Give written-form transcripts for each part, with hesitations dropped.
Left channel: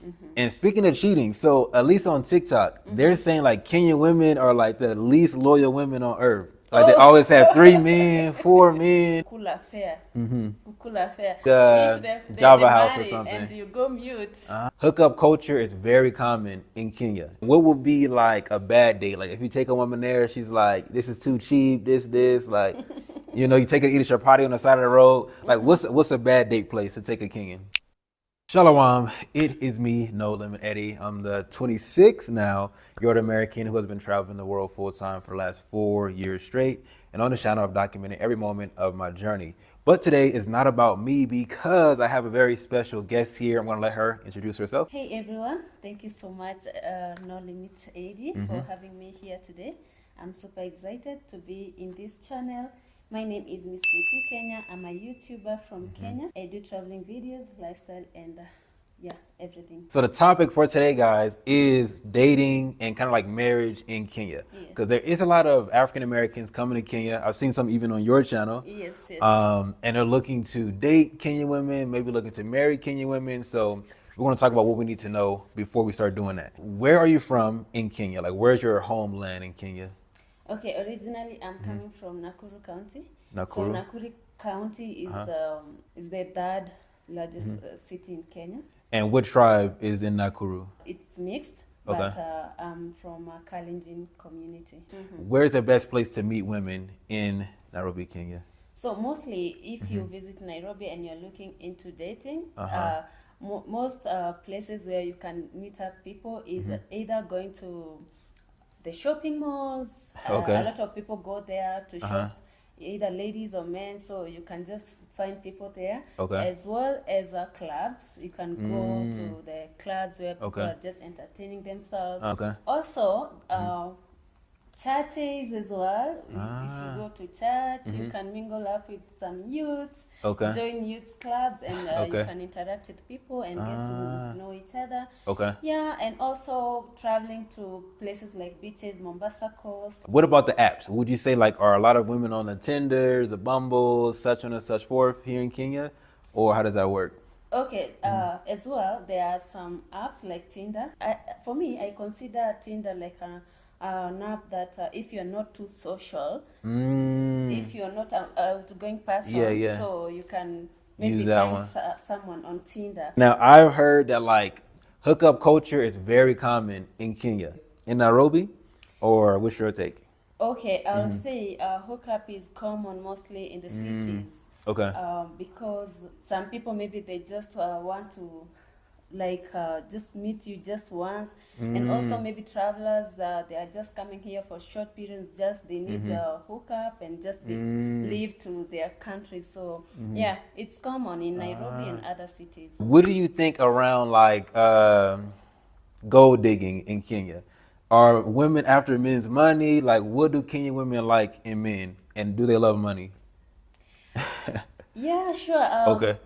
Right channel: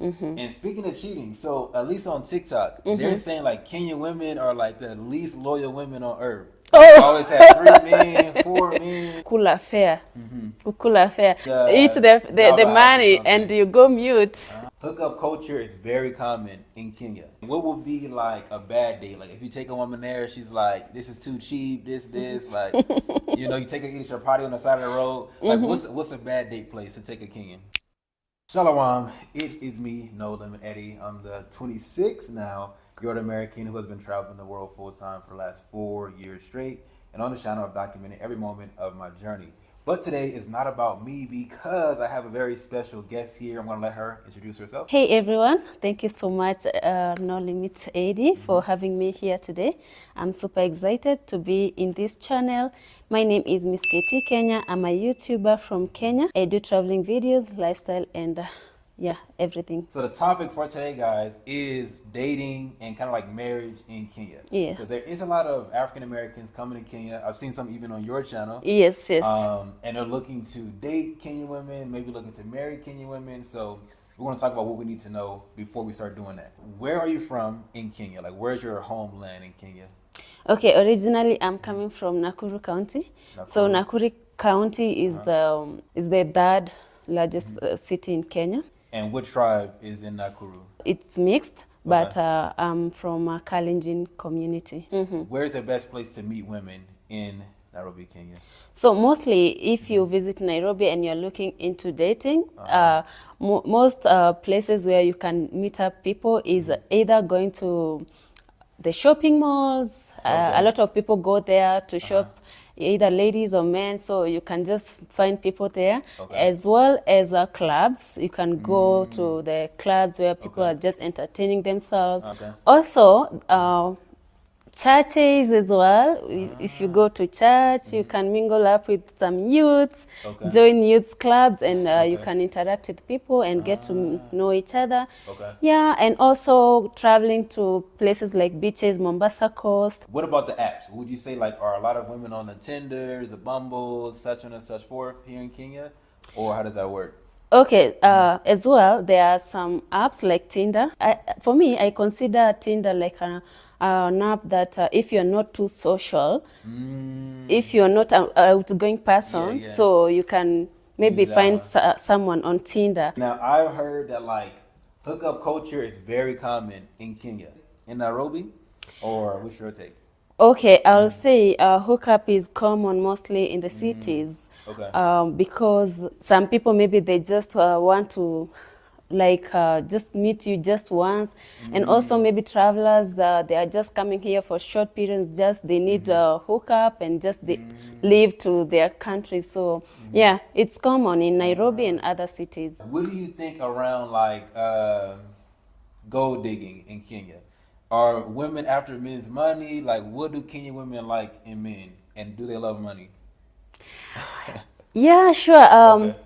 And speaking of cheating, so at least on TikTok, they're saying like Kenyan women are like the least loyal women on earth. Like they always have 3 men, 4 men. Kula fair. Kula fair. Eat The the Java House or money and something. you go mute. Hookup culture is very common in Kenya. What would be like a bad date? Like if you take a woman there, she's like, "This is too cheap. This." Like, you take her to eat at your party on the side of the road. Like, what's a bad date place to take a Kenyan? Shalom, it is me, No Limit Eddie. I'm the 26th now York American who has been traveling the world full time for the last 4 years straight. And on the channel, I've documented every moment of my journey. But today is not about me because I have a very special guest here. I'm going to let her introduce herself. Hey everyone, thank you so much, No Limit Eddie, for having me here today. I'm super excited to be in this channel. My name is Miss KT Kenya. I'm a YouTuber from Kenya. I do traveling videos, lifestyle, and yeah, everything. So the topic for today, guys, is dating and kind of like marriage in Kenya. Yeah. Because there is a lot of African Americans coming to Kenya. I've seen some even on your channel. Yes. And they're looking to date Kenyan women, maybe looking to marry Kenyan women. So we're going to talk about what we need to know before we start doing that. Where are you from in Kenya? Like, where's your homeland in Kenya? Okay, originally I'm coming from Nakuru County. So Nakuru County is the third largest city in Kenya. And what tribe is in Nakuru? It's mixed, but I'm from a Kalenjin community. Where's the best place to meet women in Nairobi, Kenya? So mostly if you visit Nairobi and you're looking into dating, most places where you can meet up people is either going to the shopping malls. A lot of people go there to shop, either ladies or men, so you can just find people there. As well as clubs. You can go to the clubs where people are just entertaining themselves. Also, churches as well. If you go to church, you can mingle up with some youths, join youth clubs, and you can interact with people and get to know each other. Yeah, and also traveling to places like beaches, Mombasa Coast. What about the apps? Would you say like are a lot of women on the Tinders, the Bumbles, such on and such forth here in Kenya? Or how does that work? Okay, as well, there are some apps like Tinder. For me, I consider Tinder like an app that if you're not too social, if you're not an outgoing person, so you can maybe find someone on Tinder. Now, I've heard that like hookup culture is very common in Kenya. In Nairobi? Or what's your take? Okay, I'll say hookup is common mostly in the cities. Because some people maybe they just want to just meet you just once, and also maybe travelers they are just coming here for short periods, just they need a hookup and just they leave to their country. So yeah, it's common in Nairobi and other cities. What do you think around like gold digging in Kenya? Are women after men's money? Like, what do Kenyan women like in men, and do they love money? Yeah, sure.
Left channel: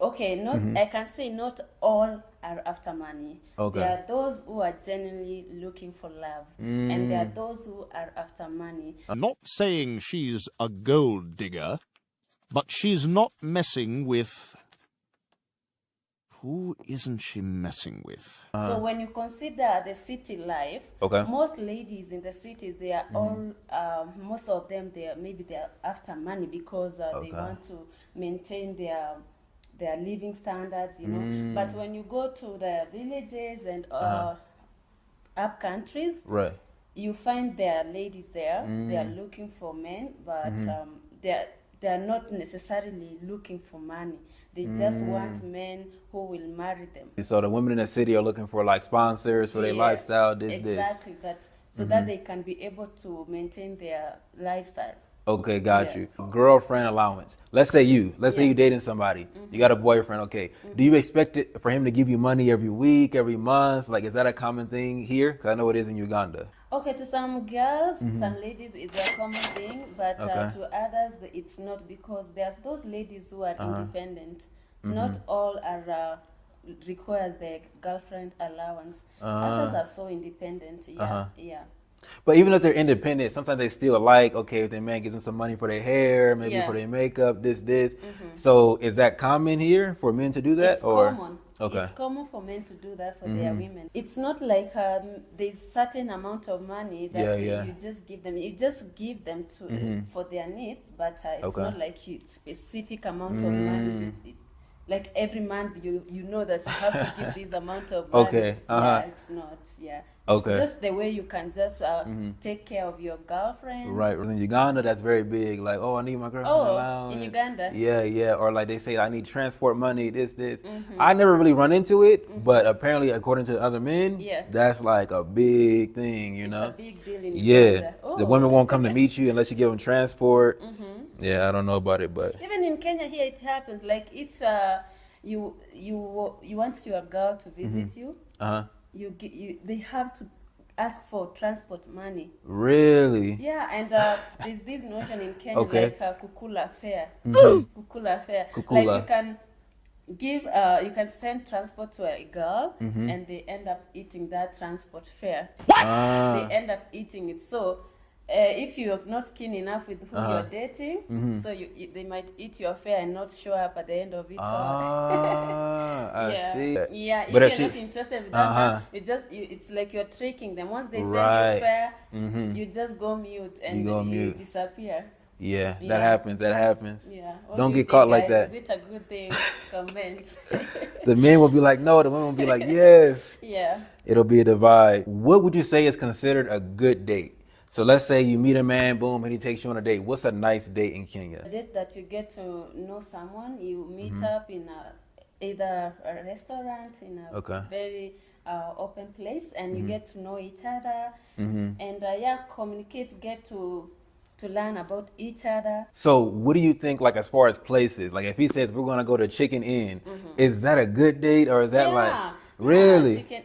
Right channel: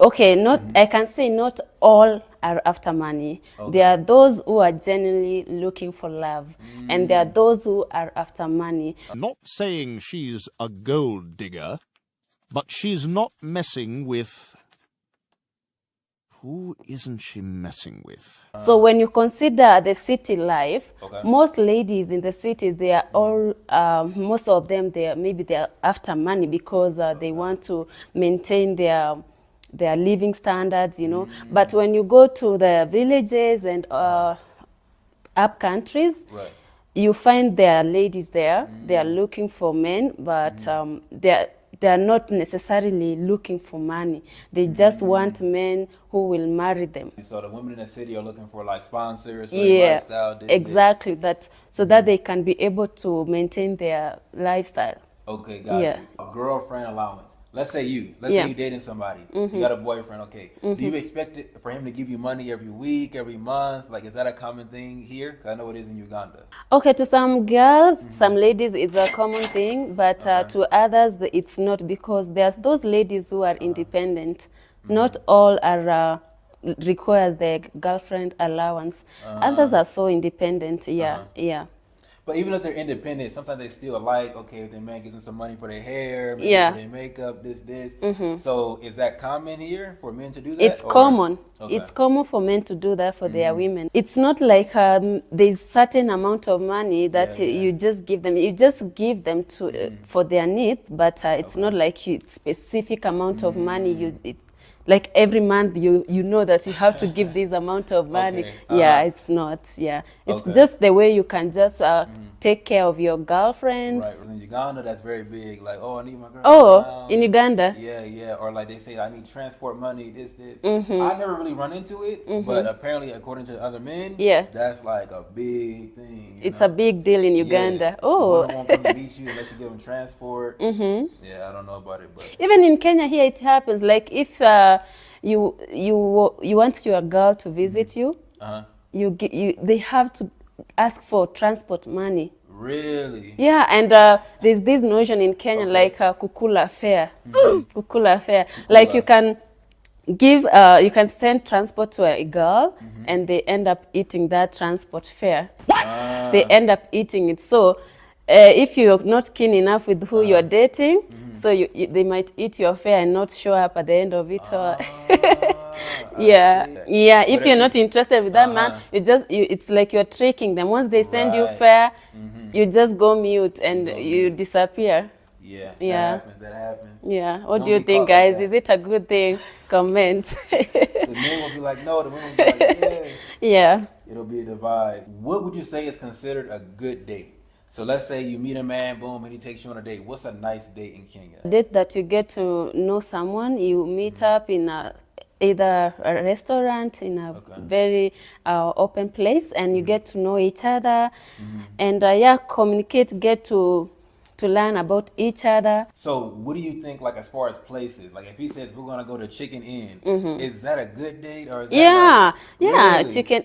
Okay, I can say not all are after money. There are those who are genuinely looking for love, and there are those who are after money. I'm not saying she's a gold digger, but she's not messing with... Who isn't she messing with? So when you consider the city life, most ladies in the cities, they are all, most of them, maybe they're after money because they want to maintain their living standards, But when you go to the villages and up countries, you find there are ladies there. They are looking for men, but they are not necessarily looking for money. They just want men who will marry them. So the women in the city are looking for like sponsors for their lifestyle. Exactly. That so that they can be able to maintain their lifestyle. Okay, got you. Girlfriend allowance. Let's say you dating somebody. You got a boyfriend. Okay. Do you expect it for him to give you money every week, every month? Like, is that a common thing here? Because I know it is in Uganda. Okay, to some girls, some ladies, it's a common thing, but to others, it's not, because there's those ladies who are independent. Not all are requires their girlfriend allowance. Others are so independent. Yeah. But even if they're independent, sometimes they still like, okay, if their man gives them some money for their hair, maybe Yeah. for their makeup, this. So is that common here for men to do that? It's common. Okay. It's common for men to do that for their women. It's not like there's certain amount of money that Yeah, yeah. you just give them. You just give them to for their needs, but it's Okay. not like specific amount of money. Like every month you know that you have to give this amount of money. Okay, Yeah, it's not. Yeah, it's Okay. just the way you can just take care of your girlfriend. Right. In Uganda, that's very big. Like, oh, I need my girlfriend Oh, around. in Uganda? Yeah, yeah. Or like they say, I need transport money, this. I never really run into it, but apparently, according to other men, Yeah. that's like a big thing. You It's know? a big deal in Yeah. Uganda. The Oh. women won't come to meet you unless you give them transport. Yeah, I don't know about it, but Even in Kenya here it happens. Like if you want your girl to visit you, they have to ask for transport money. really, Yeah, and there's this notion in Kenya Okay. like kukula fare. Kukula fare. Like Kukula. you can you can send transport to a girl and they end up eating that transport fare. They end up eating it. So if you're not keen enough with who you're dating, so they might eat your fare and not show up at the end of it. I Yeah, see. yeah. If But you're not interested with that man, it's like you're tricking them. Once they send you Right. fare, you just go mute and go you mute. disappear. Yeah, Yeah. That happens. Yeah. What Don't do you get think, caught like guys? that. Is it a good thing? Comment. The men will be like, no. The women will be like, yes. Yeah. It'll be a divide. What would you say is considered a good date? So let's say you meet a man, boom, and he takes you on a date. What's a nice date in Kenya? Date that you get to know someone, you meet up in either a restaurant, in a Okay. very open place, and you get to know each other, and yeah, communicate, get to learn about each other. So what do you think, like, as far as places? Like, if he says we're gonna go to Chicken Inn, is that a good date, or is that Yeah, like, yeah, really? chicken.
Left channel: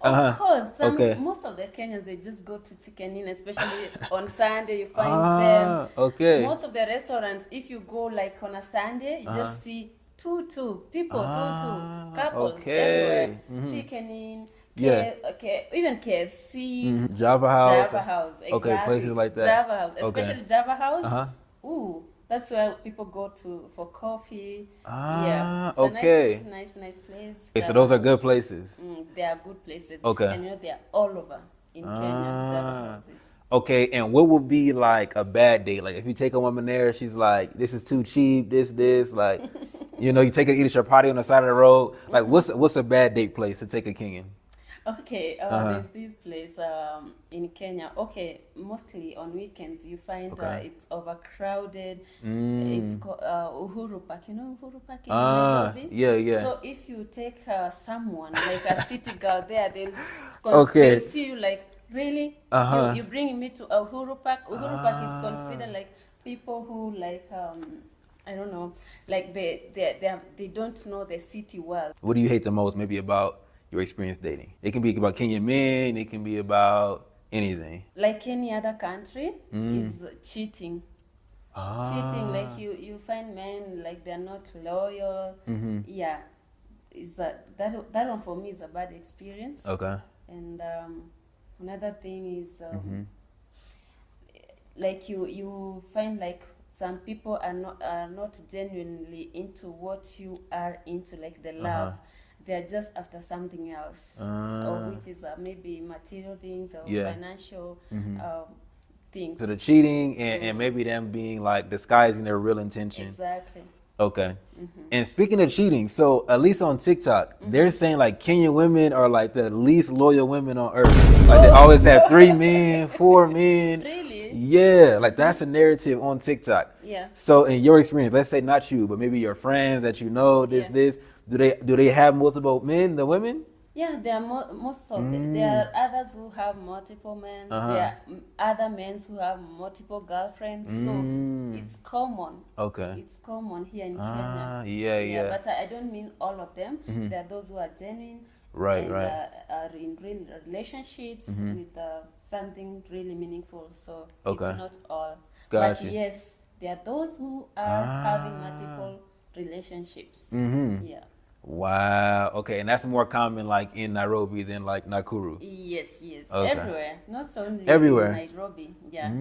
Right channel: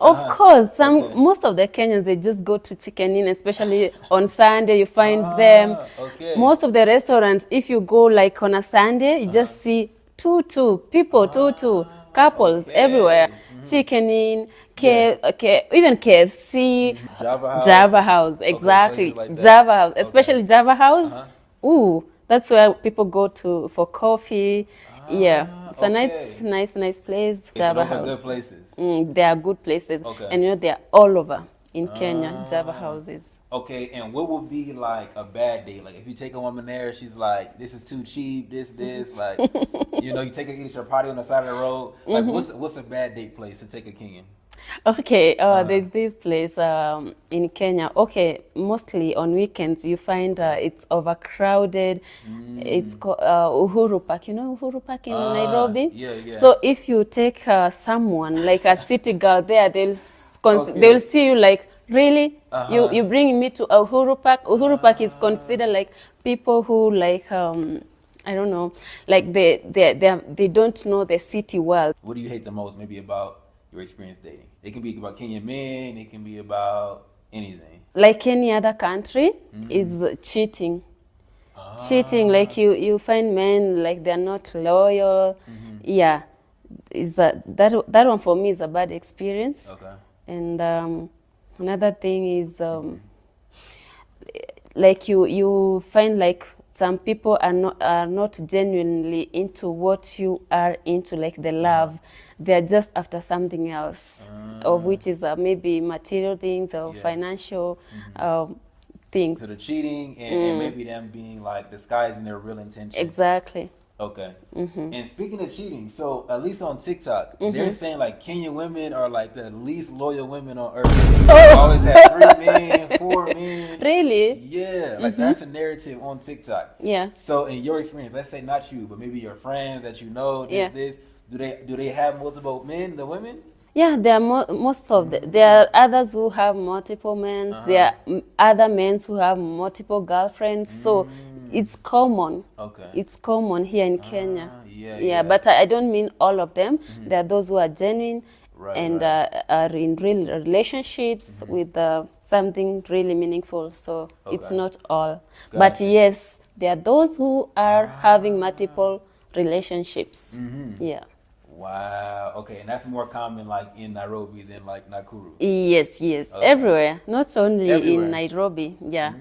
Of course, Okay. most of the Kenyans, they just go to Chicken Inn, especially on Sunday. You find them. Okay. Most of the restaurants, if you go like on a Sunday, you just see people, couples okay. everywhere. Chicken Inn, even KFC, Java House. Java House, Okay, exactly. places like that. Java House, Okay. especially Java House. Ooh, that's where people go to for coffee. Yeah, it's okay. a nice place. Okay, so Java those are House. good places. They are good places. Okay. And you know, they are all over in Kenya, Java houses. Okay, and what would be like a bad date? Like if you take a woman there, she's like, this is too cheap, this, like, you know, you take her to eat at your party on the side of the road. Like what's a bad date place to take a Kenyan? Okay, there's this place in Kenya. Okay, mostly on weekends you find it's overcrowded. It's called Uhuru Park. You know Uhuru Park in Nairobi? Yeah, yeah. So if you take someone like a city girl there, they'll Okay. they'll see you like, really? You bring me to Uhuru Park? Uhuru Park is considered like people who like I don't know, like they don't know the city well. What do you hate the most maybe about your experience dating? It can be about Kenyan men, it can be about anything. Like any other country, is cheating. Cheating, like you find men like they're not loyal. Yeah, is that one for me is a bad experience. Okay. And another thing is like you find like some people are not genuinely into what you are into, like the love. They're just after something else, of which is maybe material things or financial things. So the cheating and maybe them being like disguising their real intention. Exactly. Okay. And speaking of cheating, so at least on TikTok, they're saying like Kenyan women are like the least loyal women on earth. They always have 3 men, 4 men. Really? Yeah, like that's a narrative on TikTok. Yeah. So in your experience, let's say not you, but maybe your friends that you know, this, do they have multiple men, the women? Yeah, there are most of there are others who have multiple men. There are other men who have multiple girlfriends. So it's common. Okay. It's common here in Kenya. Yeah. But I don't mean all of them. There are those who are genuine and are in real relationships with something really meaningful. So it's not all. But Gotcha. yes, there are those who are having multiple relationships. Yeah. Wow. Okay, and that's more common like in Nairobi than like Nakuru. Yes, yes, Okay. everywhere, not only in Everywhere. Nairobi. Yeah,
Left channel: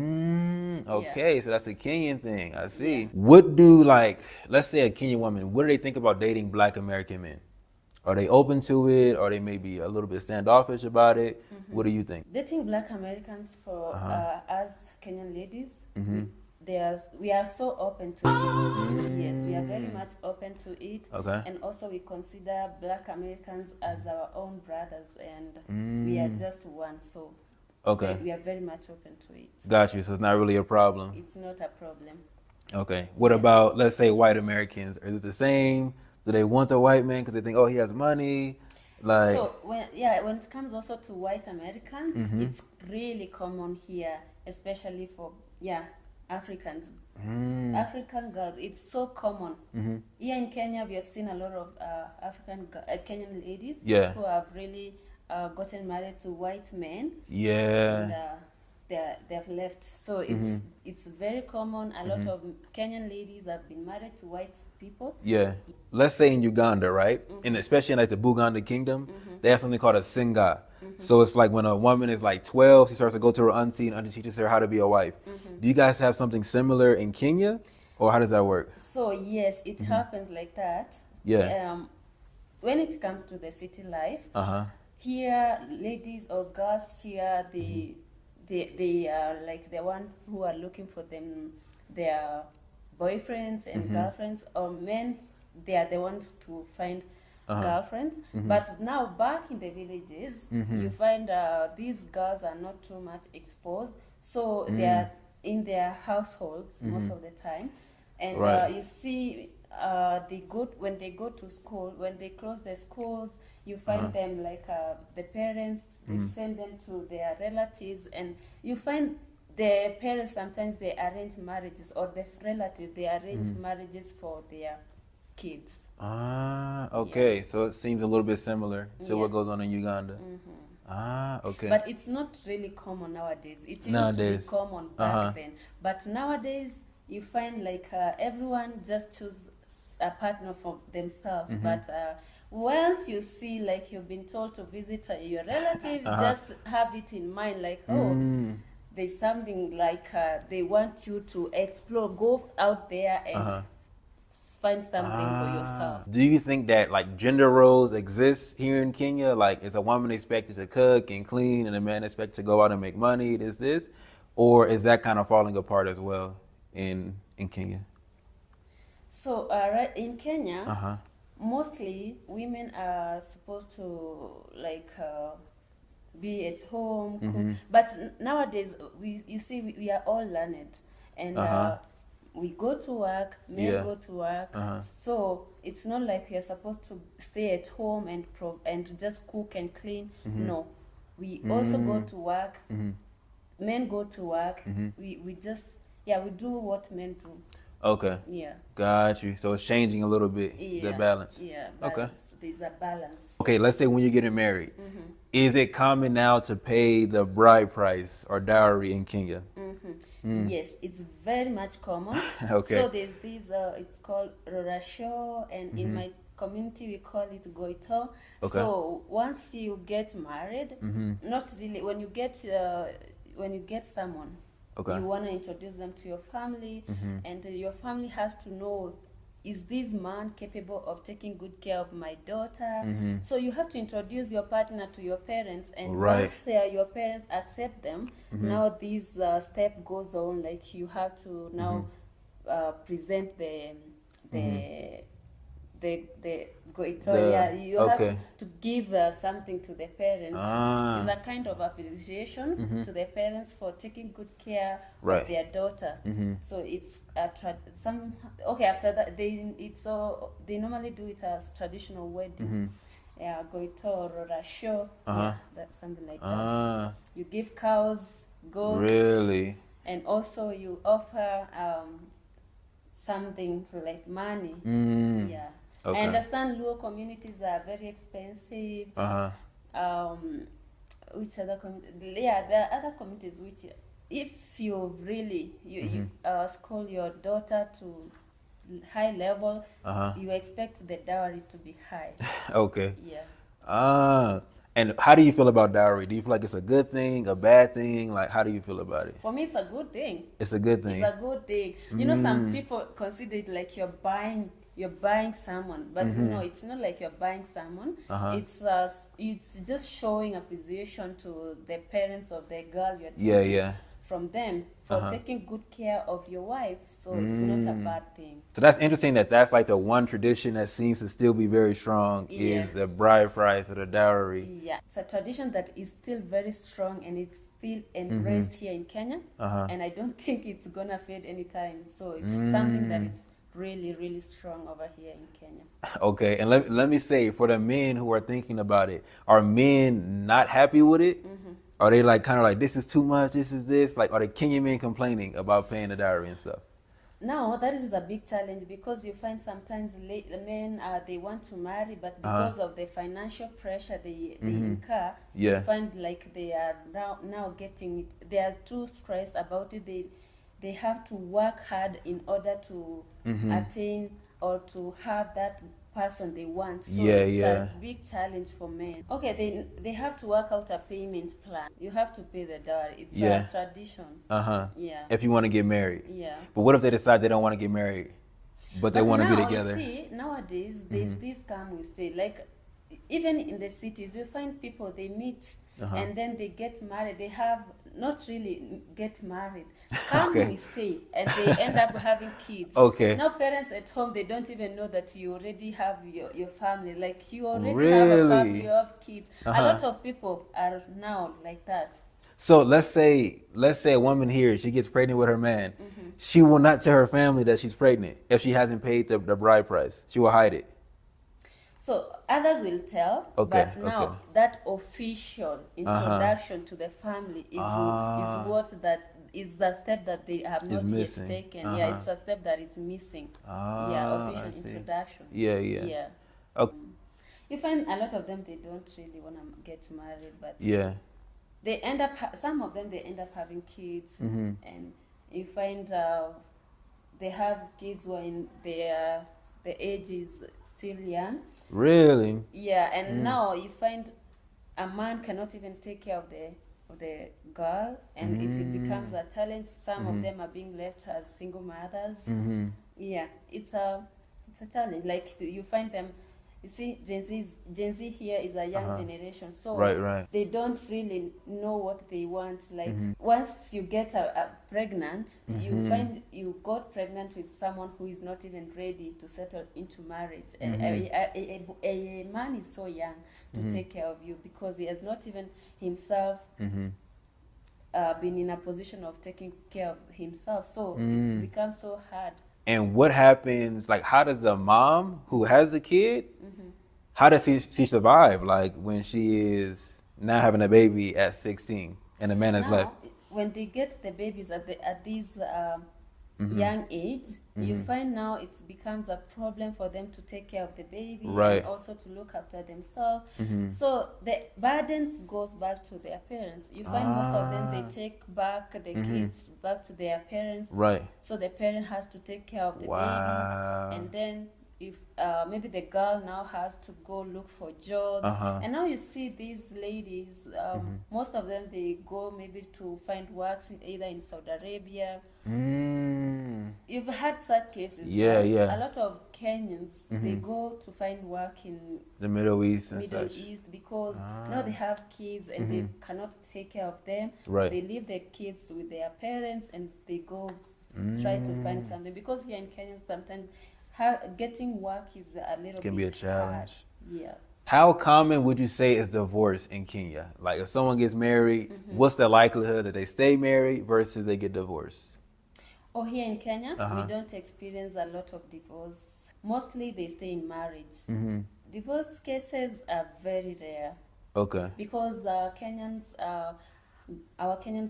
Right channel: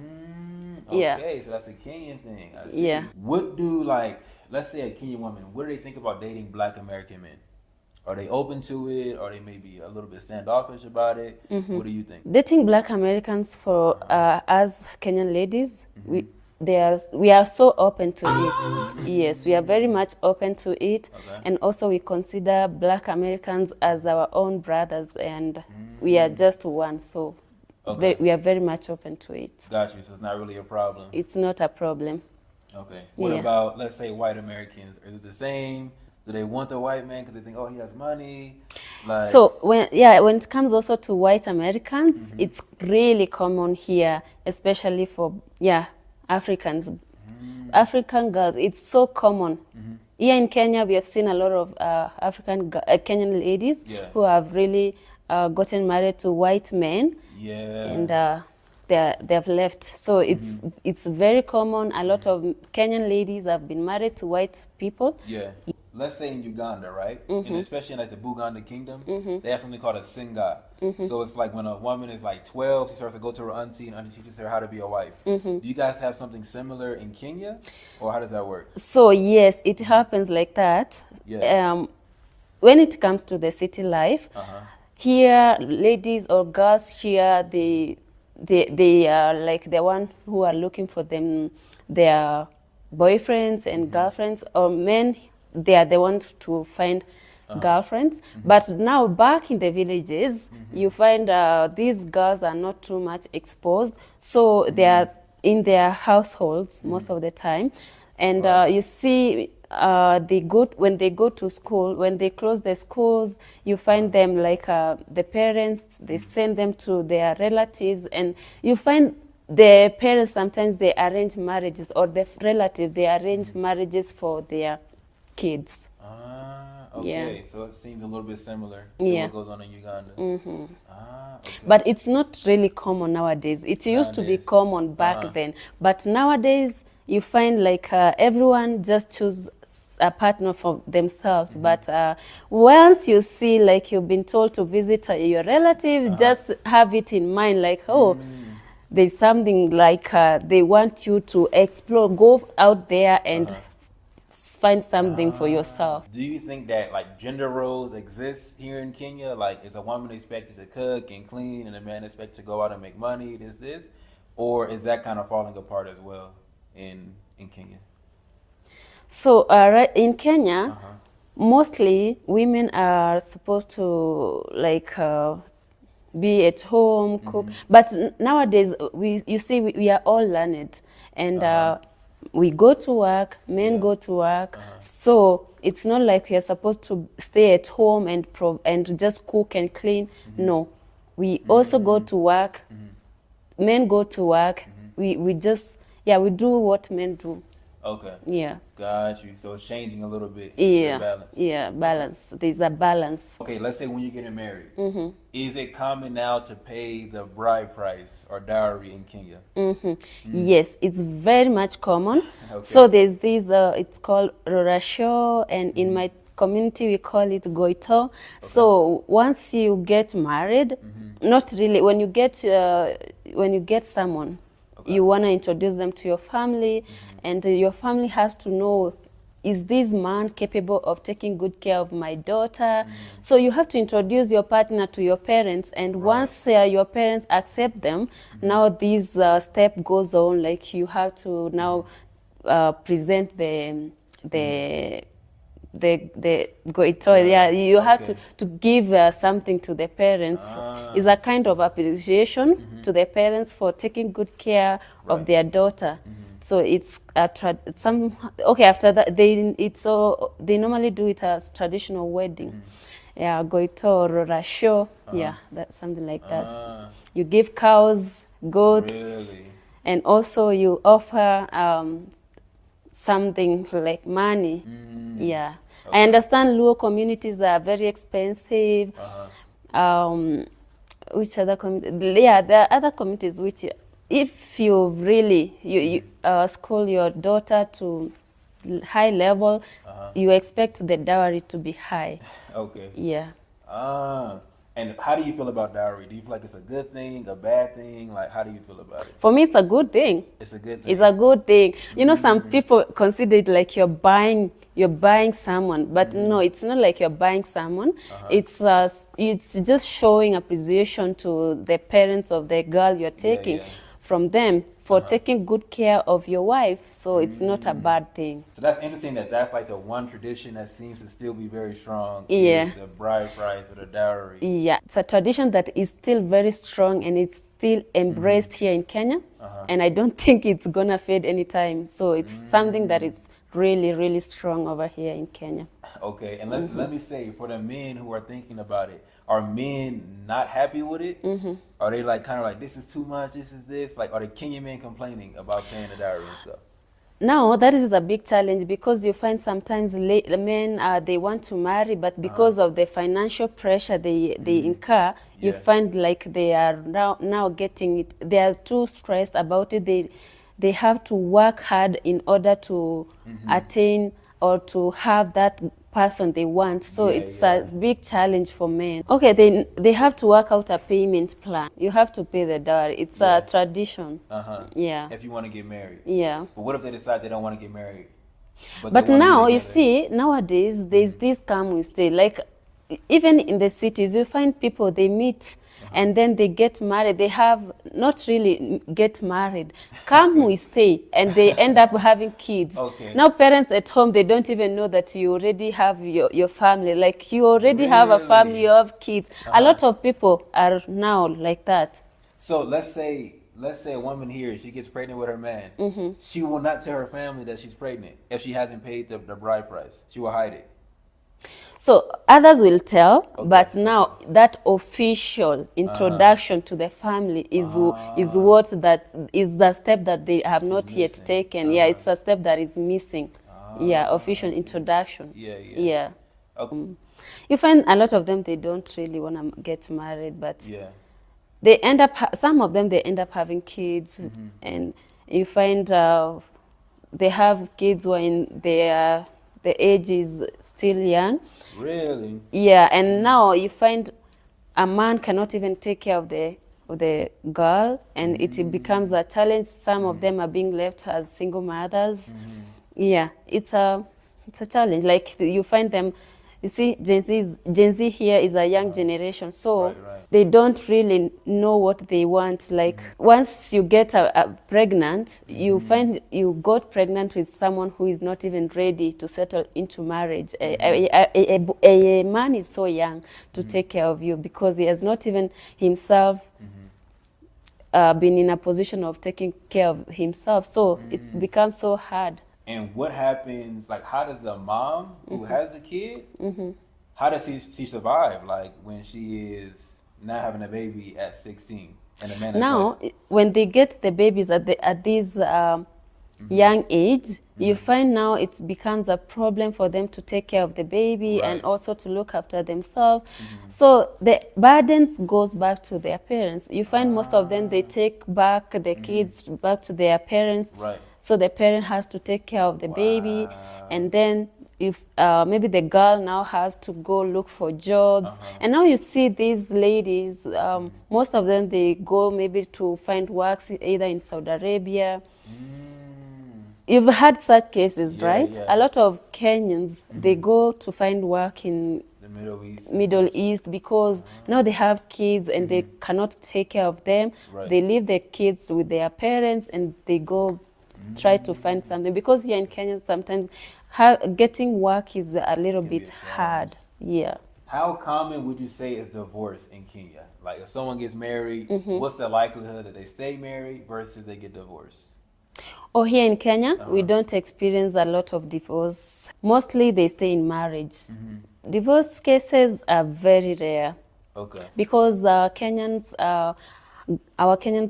yeah, Okay, so that's a Kenyan thing. I see. yeah. What do like, let's say a Kenyan woman, what do they think about dating Black American men? Are they open to it? Or they maybe a little bit standoffish about it? What do you think? Dating Black Americans for us Kenyan ladies, Mm-hmm. we are so open to it. Yes, we are very much open to it, Okay. and also we consider Black Americans as our own brothers, and we are just one. So Okay. we are very much open to it. Got you. So it's not really a problem. It's not a problem. Okay. What Yeah. about, let's say, white Americans? Is it the same? Do they want the white man because they think, oh, he has money? Like, So when it comes also to white Americans, it's really common here, especially for Africans, African girls. It's so common. Here in Kenya, we have seen a lot of Kenyan ladies Yeah. who have really gotten married to white men, yeah. and they've left. So it's very common. A lot of Kenyan ladies have been married to white people. Yeah. Let's say in Uganda, right? And especially in like the Buganda kingdom, they have something called a singa. So it's like when a woman is like 12, she starts to go to her auntie and auntie teaches her how to be a wife. Do you guys have something similar in Kenya? Or how does that work? So yes, it happens like that. Yeah. When it comes to the city life, here ladies or girls here, they are like the one who are looking for their boyfriends and girlfriends, or men, they are the ones to find girlfriends. But now back in the villages, you find these girls are not too much exposed, so they are in their households most of the time. And Right. you see, when they go to school, when they close the schools, you find them like the parents, they send them to their relatives, and you find the parents sometimes they arrange marriages, or the relative they arrange marriages for their kids. Ah, okay. So it seems a little bit similar to Yeah. what goes on in Uganda. Ah, okay. But it's not really common nowadays. It used to be Nowadays. common back then, but nowadays you find like everyone just choose a partner for themselves. But once you see, like you've been told to visit your relative, just have it in mind, like, oh, there's something like they want you to explore, go out there and find something for yourself. Do you think that like gender roles exist here in Kenya? Like, is a woman expected to cook and clean, and a man expected to go out and make money? This, or is that kind of falling apart as well in Kenya? So right in Kenya, mostly women are supposed to like be at home, cook. But nowadays, you see, we are all learned, and we go to work. Men Yeah. go to work, so it's not like we are supposed to stay at home and just cook and clean. No, we also go to work. Men go to work. We just we do what men do. Okay. Yeah. Got you. So it's changing a little bit. Yeah. The balance. Yeah, balance. There's a balance. Okay, let's say when you're getting married, is it common now to pay the bride price or dowry in Kenya? Yes, it's very much common. Okay. So there's this, it's called Rorasho, and in my community we call it Goito. So once you get married, not really, when you get someone, you want to introduce them to your family, and your family has to know, is this man capable of taking good care of my daughter? So you have to introduce your partner to your parents, and Right. once your parents accept them, now this step goes on, like you have to now present the goito. Yeah, You have okay. to give something to the parents. It's a kind of appreciation to the parents for taking good care Right. of their daughter. So it's after that they normally do it as traditional wedding. Yeah, goito, rorasho. Yeah, that's something like that. Ah, You give cows, goats, really? and also you offer something like money. Yeah. Okay. I understand Luo communities are very expensive. Which other community? Yeah, there are other communities which, if you really you school your daughter to high level, you expect the dowry to be high. Okay. Yeah. And how do you feel about dowry? Do you feel like it's a good thing, a bad thing? Like, how do you feel about it? For me, it's a good thing. It's a good thing. It's a good thing. You know, some people consider it like you're buying someone, but no, it's not like you're buying someone. It's just showing appreciation to the parents of the girl you're taking from them for taking good care of your wife. So it's not a bad thing. So that's interesting that that's like the one tradition that seems to still be very strong is the bride price or the dowry. Yeah, it's a tradition that is still very strong and it's still embraced here in Kenya. And I don't think it's gonna fade anytime. So it's something that is really, really strong over here in Kenya. Okay, and let me say, for the men who are thinking about it, are men not happy with it? Are they like kind of like, this is too much, this is this? Like, are the Kenyan men complaining about paying the dowry and stuff? Now, that is a big challenge because you find sometimes men, they want to marry, but because of the financial pressure they incur, you find like they are now getting it, they are too stressed about it. They have to work hard in order to attain or to have that person they want. So it's a big challenge for men. Okay, they have to work out a payment plan. You have to pay the dowry. It's a tradition. Yeah. If you want to get married. Yeah. But what if they decide they don't want to get married? But they want now to be you together? see, nowadays there's this come we stay. Like even in the cities, you find people they meet and then they get married. They have not really get married. Come we stay, and they end up having kids. Okay. Now parents at home, they don't even know that you already have your family. Like you already have a family, you have kids. A lot of people are now like that. So let's say a woman here, she gets pregnant with her man. She will not tell her family that she's pregnant if she hasn't paid the bride price. She will hide it. So others will tell, but now that official introduction to the family is what that is the step that they have not yet taken. Yeah, it's a step that is missing. Yeah, official introduction. Yeah. Okay. You find a lot of them they don't really want to get married, but they end up some of them they end up having kids, and you find they have kids when the age is still young. Really? Yeah, and now you find a man cannot even take care of the girl, and it becomes a challenge. Some of them are being left as single mothers. Yeah, it's a challenge. Like you find them. You see, Gen Z here is a young generation, so they don't really know what they want. Like once you get pregnant, you find you got pregnant with someone who is not even ready to settle into marriage. A man is so young to take care of you because he has not even himself been in a position of taking care of himself. So it becomes so hard. And what happens, like, how does the mom who has a kid, how does she survive, like, when she is now having a baby at 16 and the man is now, when they get the babies at this young age, you find now it becomes a problem for them to take care of the baby and also to look after themselves. So the burdens goes back to their parents. You find most of them, they take back the kids back to their parents. So the parent has to take care of the baby, and then if maybe the girl now has to go look for jobs. And now you see these ladies, most of them, they go maybe to find work either in Saudi Arabia. You've had such cases, right? A lot of Kenyans, they go to find work in the Middle East because now they have kids and they cannot take care of them. They leave their kids with their parents and they go try to find something, because here in Kenya sometimes getting work is a little bit hard. Yeah. How common would you say is divorce in Kenya? Like if someone gets married, what's the likelihood that they stay married versus they get divorced? Oh, here in Kenya, we don't experience a lot of divorce. Mostly they stay in marriage. Divorce cases are very rare. Okay. Because our Kenyans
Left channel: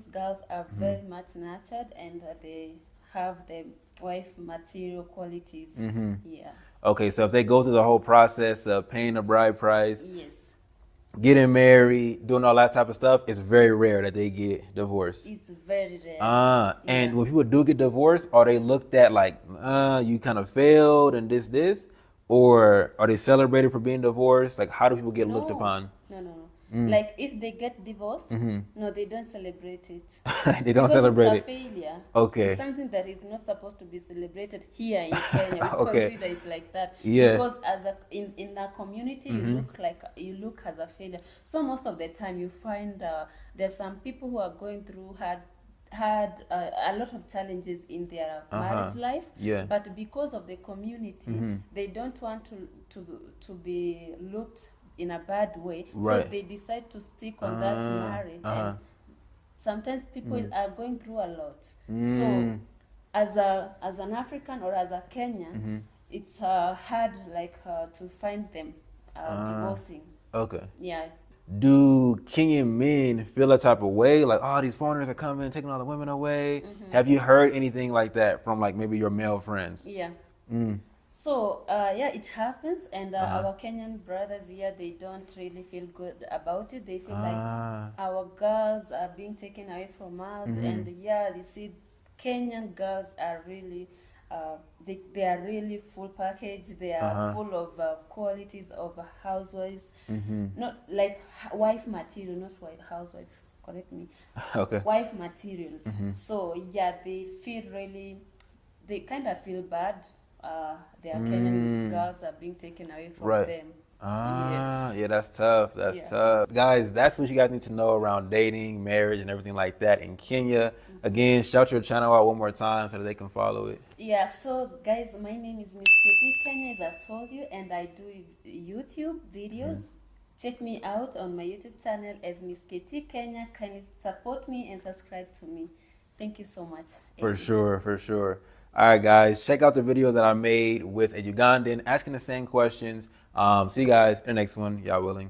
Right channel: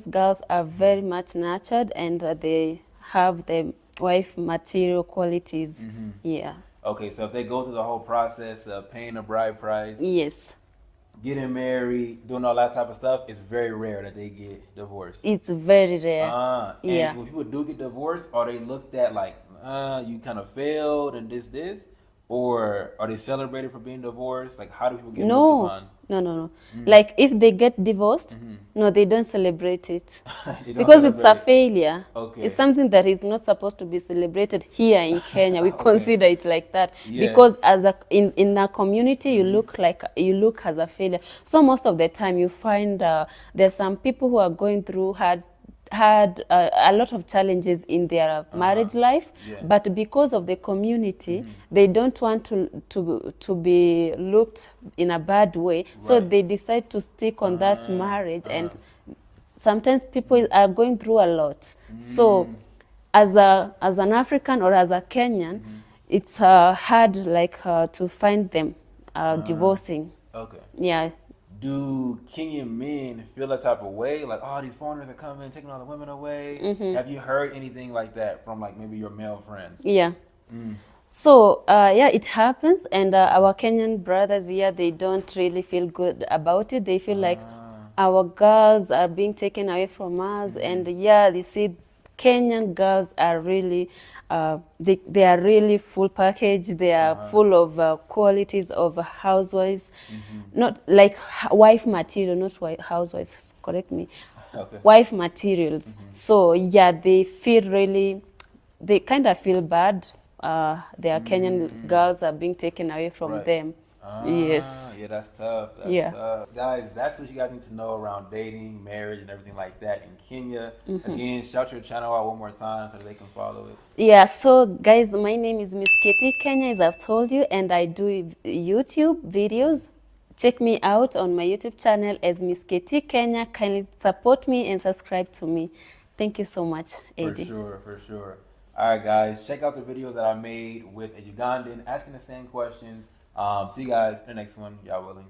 girls are very much nurtured, and they have the wife material qualities. Yeah. Okay, so if they go through the whole process of paying the bride price, yes, getting married, doing all that type of stuff, it's very rare that they get divorced. It's very rare. And Yeah. when people do get divorced, are they looked at like, you kind of failed and this, or are they celebrated for being divorced? Like, how do people get looked No, upon? no. Like if they get divorced, no, they don't celebrate it. They don't Because it's celebrate a it. failure. Okay. It's something that is not supposed to be celebrated here in Kenya. We Okay. consider it like that. Yeah. Because as a in a community, you look as a failure. So most of the time, you find there's some people who are going through had a lot of challenges in their marriage life, Yeah. but because of the community, they don't want to be looked in a bad way, so Right. they decide to stick on that marriage. And sometimes people are going through a lot. So as an African or as a Kenyan, it's hard to find them divorcing. Okay. Yeah. Do Kenyan men feel that type of way? Like, oh, these foreigners are coming, taking all the women away. Have you heard anything like that from like maybe your male friends? Yeah. So yeah, it happens, and our Kenyan brothers here, they don't really feel good about it. They feel like our girls are being taken away from us, and yeah, they see Kenyan girls are really, they are really full package. They are full of qualities of housewives, not like wife material, not housewives. Correct me. Okay. Wife materials. So yeah, they feel really, they kind of feel bad. Their Kenyan girls are being taken away from Right. them. Yes. Yeah, that's tough. That's Yeah. tough. Guys, that's what you guys need to know around dating, marriage, and everything like that in Kenya. Again, shout your channel out one more time so that they can follow it. Yeah, so guys, my name is Miss Katie Kenya, as I've told you, and I do YouTube videos. Check me out on my YouTube channel as Miss Katie Kenya. Kindly support me and subscribe to me. Thank you so much, For Eddie. sure, for sure. All right, guys, check out the video that I made with a Ugandan asking the same questions. See you guys in the next one, y'all willing.